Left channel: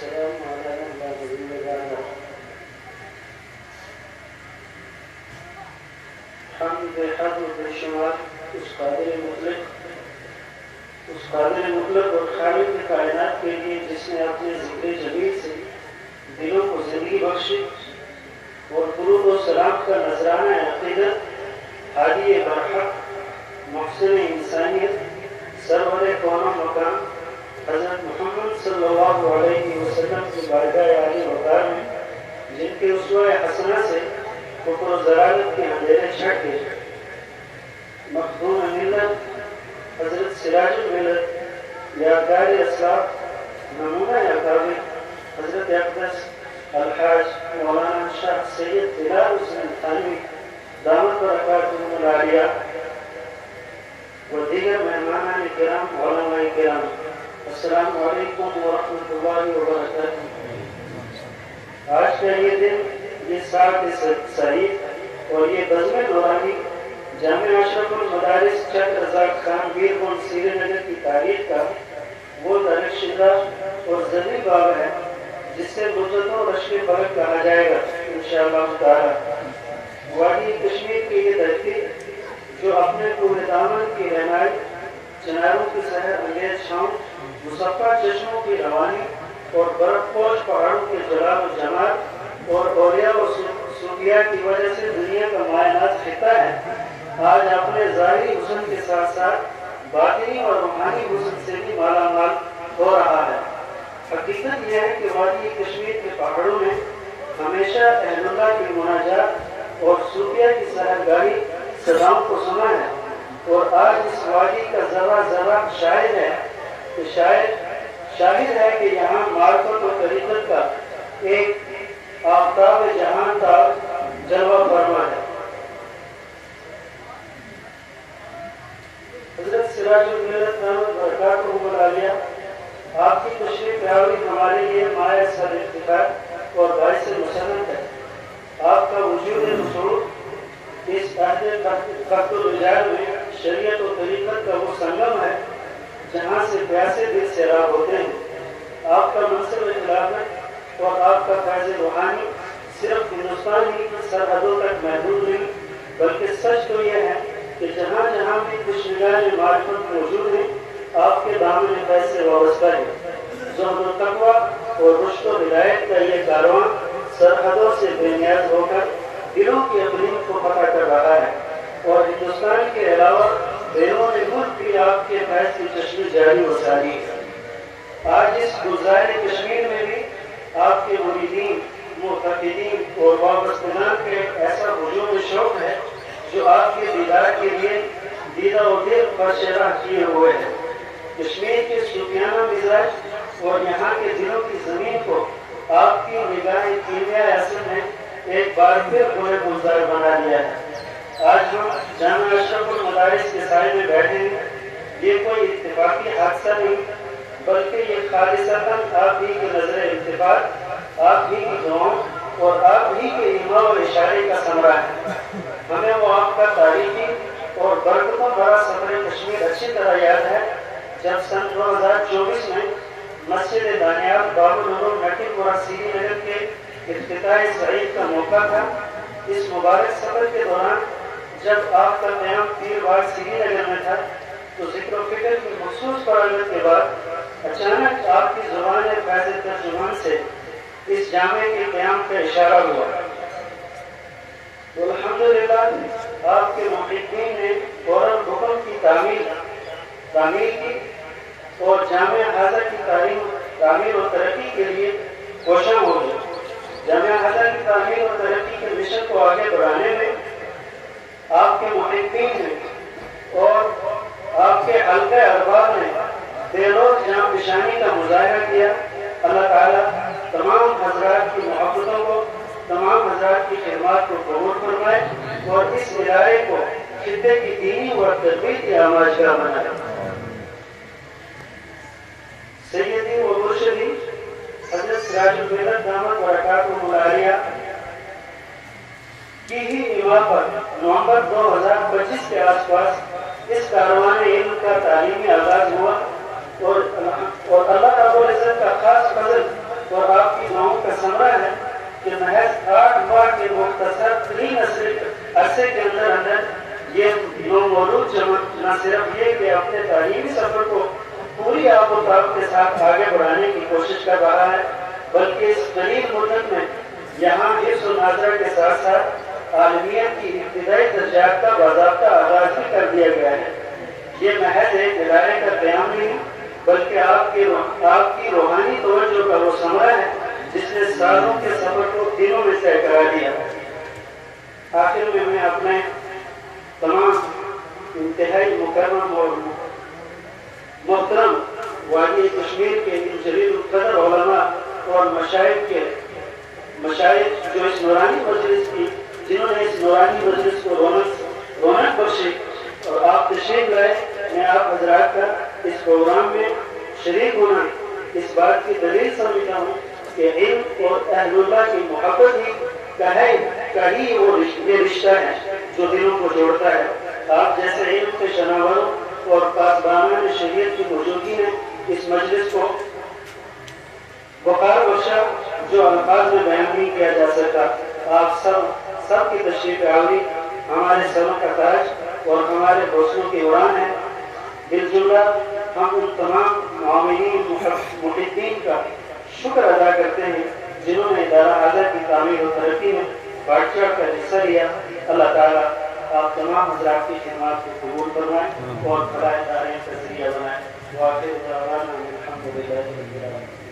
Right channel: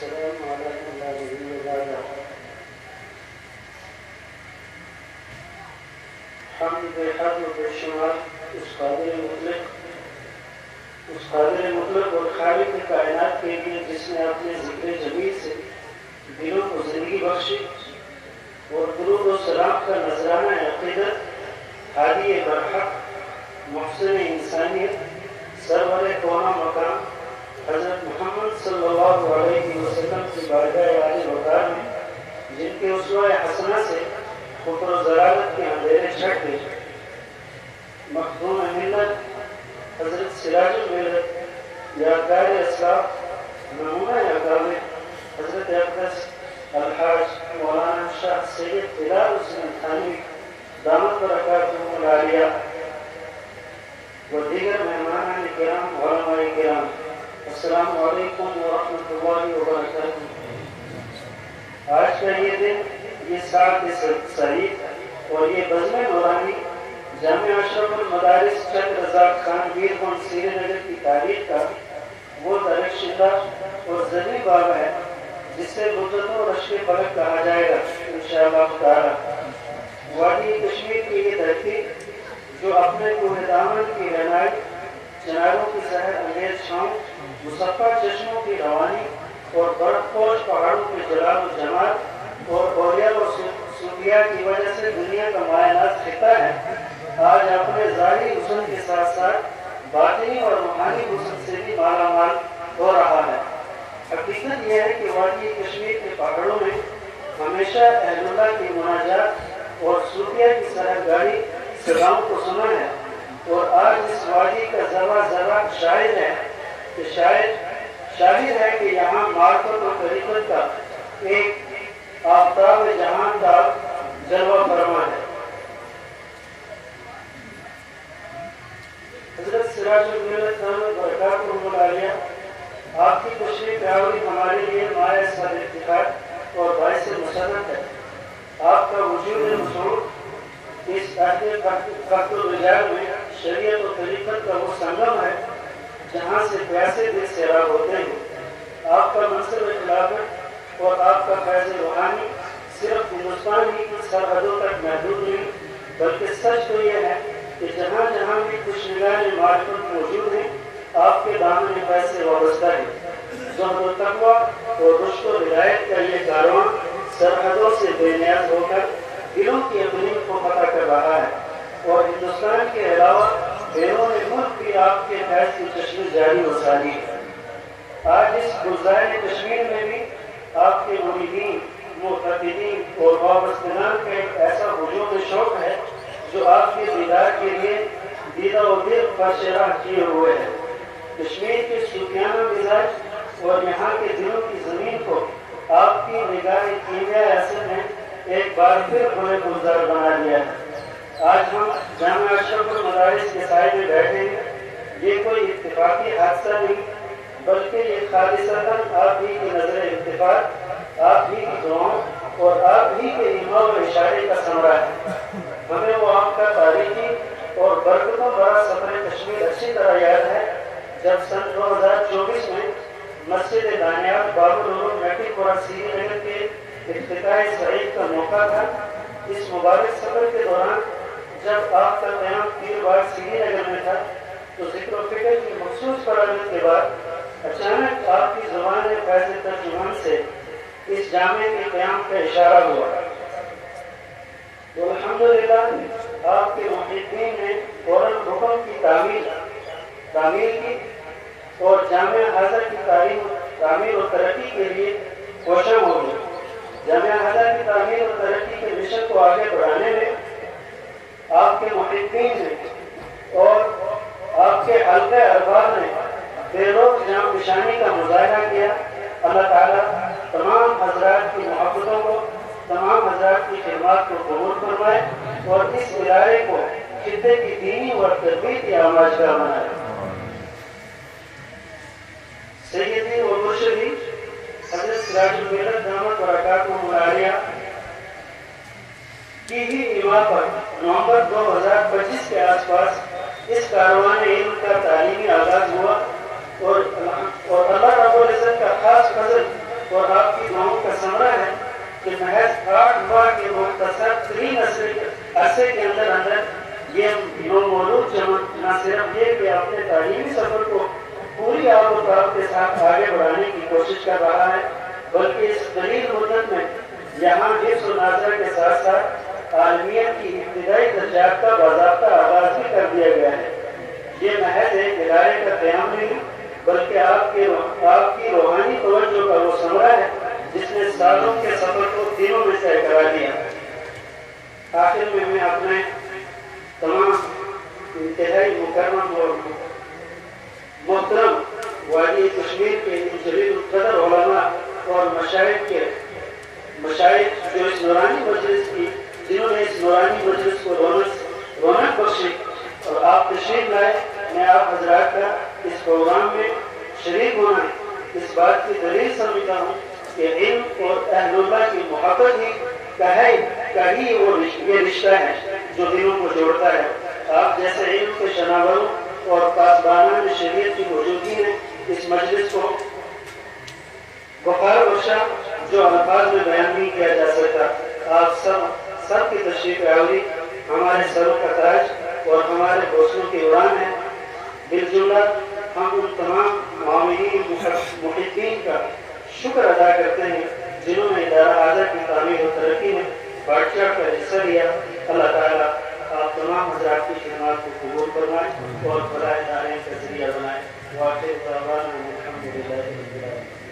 والسلام على من لا نبي بعده. حمد حد و بے شمار اس قادر مطلق اور خالق کائنات کے لیے جس نے اپنے ذکر جمیل سے دلوں کو زندگی بخشی اور درود و سلام کا نذرانہ عقیدت ہادی برحق محسن انسانیت سرور قوم مقام حضرت محمد صلی اللہ علیہ وسلم کی بارگاہ عالی وقار میں جن کے اسوہ حسنہ سے کفر و ضلالت کے اندھیرے چھٹ گئے مخدوم ملت حضرت سراج الملت یادگار اسلاف نمونہ اکابر حضرت اقدس الحاج مولانا شاہ سید بلال حسین تھانوی دامت برکاتہ العالیہ و دیگر مہمانان کرام علماء کرام السلام علیکم ورحمۃ اللہ وبرکاتہ. آج کا یہ دن یہ سال شریف اور یہ بزم نورانی جامع اشرف المدارس چند رزاق خان ویر گنج سری نگر کی تاریخ کا وہ درخشدہ اور زرعی باب ہے جس سے مدتوں رشک فلک کہا جائے گا انشاءاللہ تعالی. وادی کشمیر کی یہ دھرتی جو اپنے کوہ دامن کی رہنائی چناروں کی سحر انگیز چھاؤں مصفہ چشموں کی روانی اور برف پوش پہاڑوں کے جلال و جمال اور اولیاء و صوفیاء کی وجہ سے دنیا کا مائنات خطہ ہے. آج اپنے ظاہری حسن کے ساتھ ساتھ باطنی اور روحانی حسن سے بھی مالا مال ہو رہا ہے. حقیقت یہ ہے کہ وادی کشمیر کے پہاڑوں نے ہمیشہ اہل اللہ کی مناجات اور صوفیاء کی سحرگاہی صداؤں کو سنا ہے اور آج اس وادی کا ذرہ ذرہ شاہد ہے کہ یہاں معرفت و طریقت کا ایک آفتاب جہان کا جلوہ فرما ہے. حضرت سراج الملت برکاتہ العالیہ آپ کی تشریف آوری ہمارے لیے مائع سر افتخار اور باعث مسرت ہے. آپ کا وجود مسعود اس عہد فخر الرجال میں شریعت و طریقت کا وہ سنگم ہے جہاں سے پیاسے دل سیراب ہوتے ہیں. آپ کا منصب خلافت اور آپ کا فیض روحانی صرف ہندوستان ہی کی سرحدوں تک محدود نہیں بلکہ سچ تو یہ ہے کہ جہاں جہاں بھی کچھ نگاہ معرفت موجود ہے آپ کے دامن فیض سے وابستہ ہے. زہد و تقویٰ اور رشد و ہدایت کا یہ کارواں سرحدوں سے بے نیاز ہو کر دلوں کی اقلیم کو فتح کر رہا ہے اور ہندوستان کے علاوہ بیرون ملک بھی آپ کے فیض کی چشمے جاری و ساری ہے. آج اس گلزار کشمیر میں بھی آپ کے مریدین معتقدین اور وابستگان کے ایسا ہجوم شوق ہے جو آپ کے دیدار کے لیے دیدہ و دل پر شرح کیے ہوئے ہیں. کشمیر کے صوفیانہ مزاج اور یہاں کے دلوں کی زمین کو آپ کی نگاہ کیمیا اثر نے ایک بار پھر کھلے گلزار بنا دیا ہے. آج ہم جامع اشرف المدارس کے سائے میں بیٹھے ہیں. یہ کوئی اتفاقی حادثہ نہیں بلکہ یہ خالصتاً آپ ہی کی نظر اتفاق آپ ہی کی دعاؤں اور آپ ہی کے ایما و اشارے کا ثمرہ ہے. ہمیں وہ آپ کا تاریخی اور برکتوں بھرا سفر کشمیر اچھی طرح یاد ہے جب سن 2024 میں مسجد دانیال باب العلوم نٹی پورہ سری نگر کے افتتاح سعید کا موقع تھا. اس مبارک سفر کے دوران جب آپ کا قیام پیر باغ سری نگر میں تھا تو ذکر و فکر کی مخصوص فراغت کے بعد اچانک آپ کی زبان فیض ترجمان سے اس جامع کے قیام کا اشارہ ہوا. الحمدللہ آپ کے محققین نے فوراً رکن کی تعمیر کی اور جامع حاضر کی تعمیر و ترقی کے لیے کوشاں ہو گئے. جامع حاضر کی تعمیر اور ترقی کے مشن کو آگے بڑھانے میں آپ کے محققین نے اور آپ کے حلقہ ارباب نے بے روز جام نشانی کا مظاہرہ کیا. اللہ تعالیٰ تمام حضرات کی محبتوں کو تمام حضرات کی خدمات کو قبول فرمائے اور اس ادارے کو خطے کی دینی اور تربیتی آماجگاہ بنائے. سیدی و مرشدی حضرت سراج الملت دامت برکاتہ العالیہ کی ہی ایما پر نومبر 2025 کے آس پاس اس کاروان علم کا تعلیمی آغاز ہوا اور اللہ رب العزت کا خاص فضل اور آپ کی دعاؤں کا ثمرہ ہے کہ محض 8 ماہ کے مختصر 3 عرصے کے اندر یہ نومولود جماعت نہ صرف یہ کہ اپنے تعلیمی سفر کو پوری آب و تاب کے ساتھ آگے بڑھانے کی کوشش کر رہا ہے، بلکہ اس قلیل مدت میں یہاں حفظ و ناظرہ کے ساتھ ساتھ عالمیت کی ابتدائی درجات کا باضابطہ آغاز بھی کر دیا گیا ہے۔ یہ محض ایک ادارے کا قیام نہیں بلکہ آپ کی روحانی توجہ کا وہ ثمرہ ہے جس نے سالوں کے سفر کو دنوں میں طے کرا دیا۔ آخر میں اپنے تمام انتہائی مکرم اور محترم وادی کشمیر کے ان جلیل القدر علماء اور مشائخ جو اس نورانی مجلس کی جنہوں نے اس نورانی مجلس کو رونق بخشی اور آپ تشریف لائے، میں آپ حضرات کا اس پروگرام میں شریک ہونا اس بات کی دلیل سمجھتا ہوں کہ علم اور اہل اللہ کی محبت ہی یہ رشتہ ہے جو دلوں کو جوڑتا ہے۔ آپ جیسے علم کے شناوروں اور پاسبانان شریعت کی موجودگی نے اس مجلس کو بخار بخشا جو الفاظ میں بیان نہیں کیا جا سکتا۔ آپ سب کی تشریف آوری ہمارے سروں کا تاج اور ہمارے حوصلوں کی اڑان ہے۔ بالجملہ ہم ان تمام معاونین محبین کا شکر ادا کرتے ہیں جنہوں نے ادارہ اعلیٰ کی تعمیر و ترقی میں بڑھ چڑھ کر حصہ لیا۔ اللہ تعالیٰ آپ تمام حضرات کی خدمات کو قبول فرمائیں اور فلاح دارین کا ذریعہ بنائیں۔ وآخر دعوانا الحمدللہ رب العالمین۔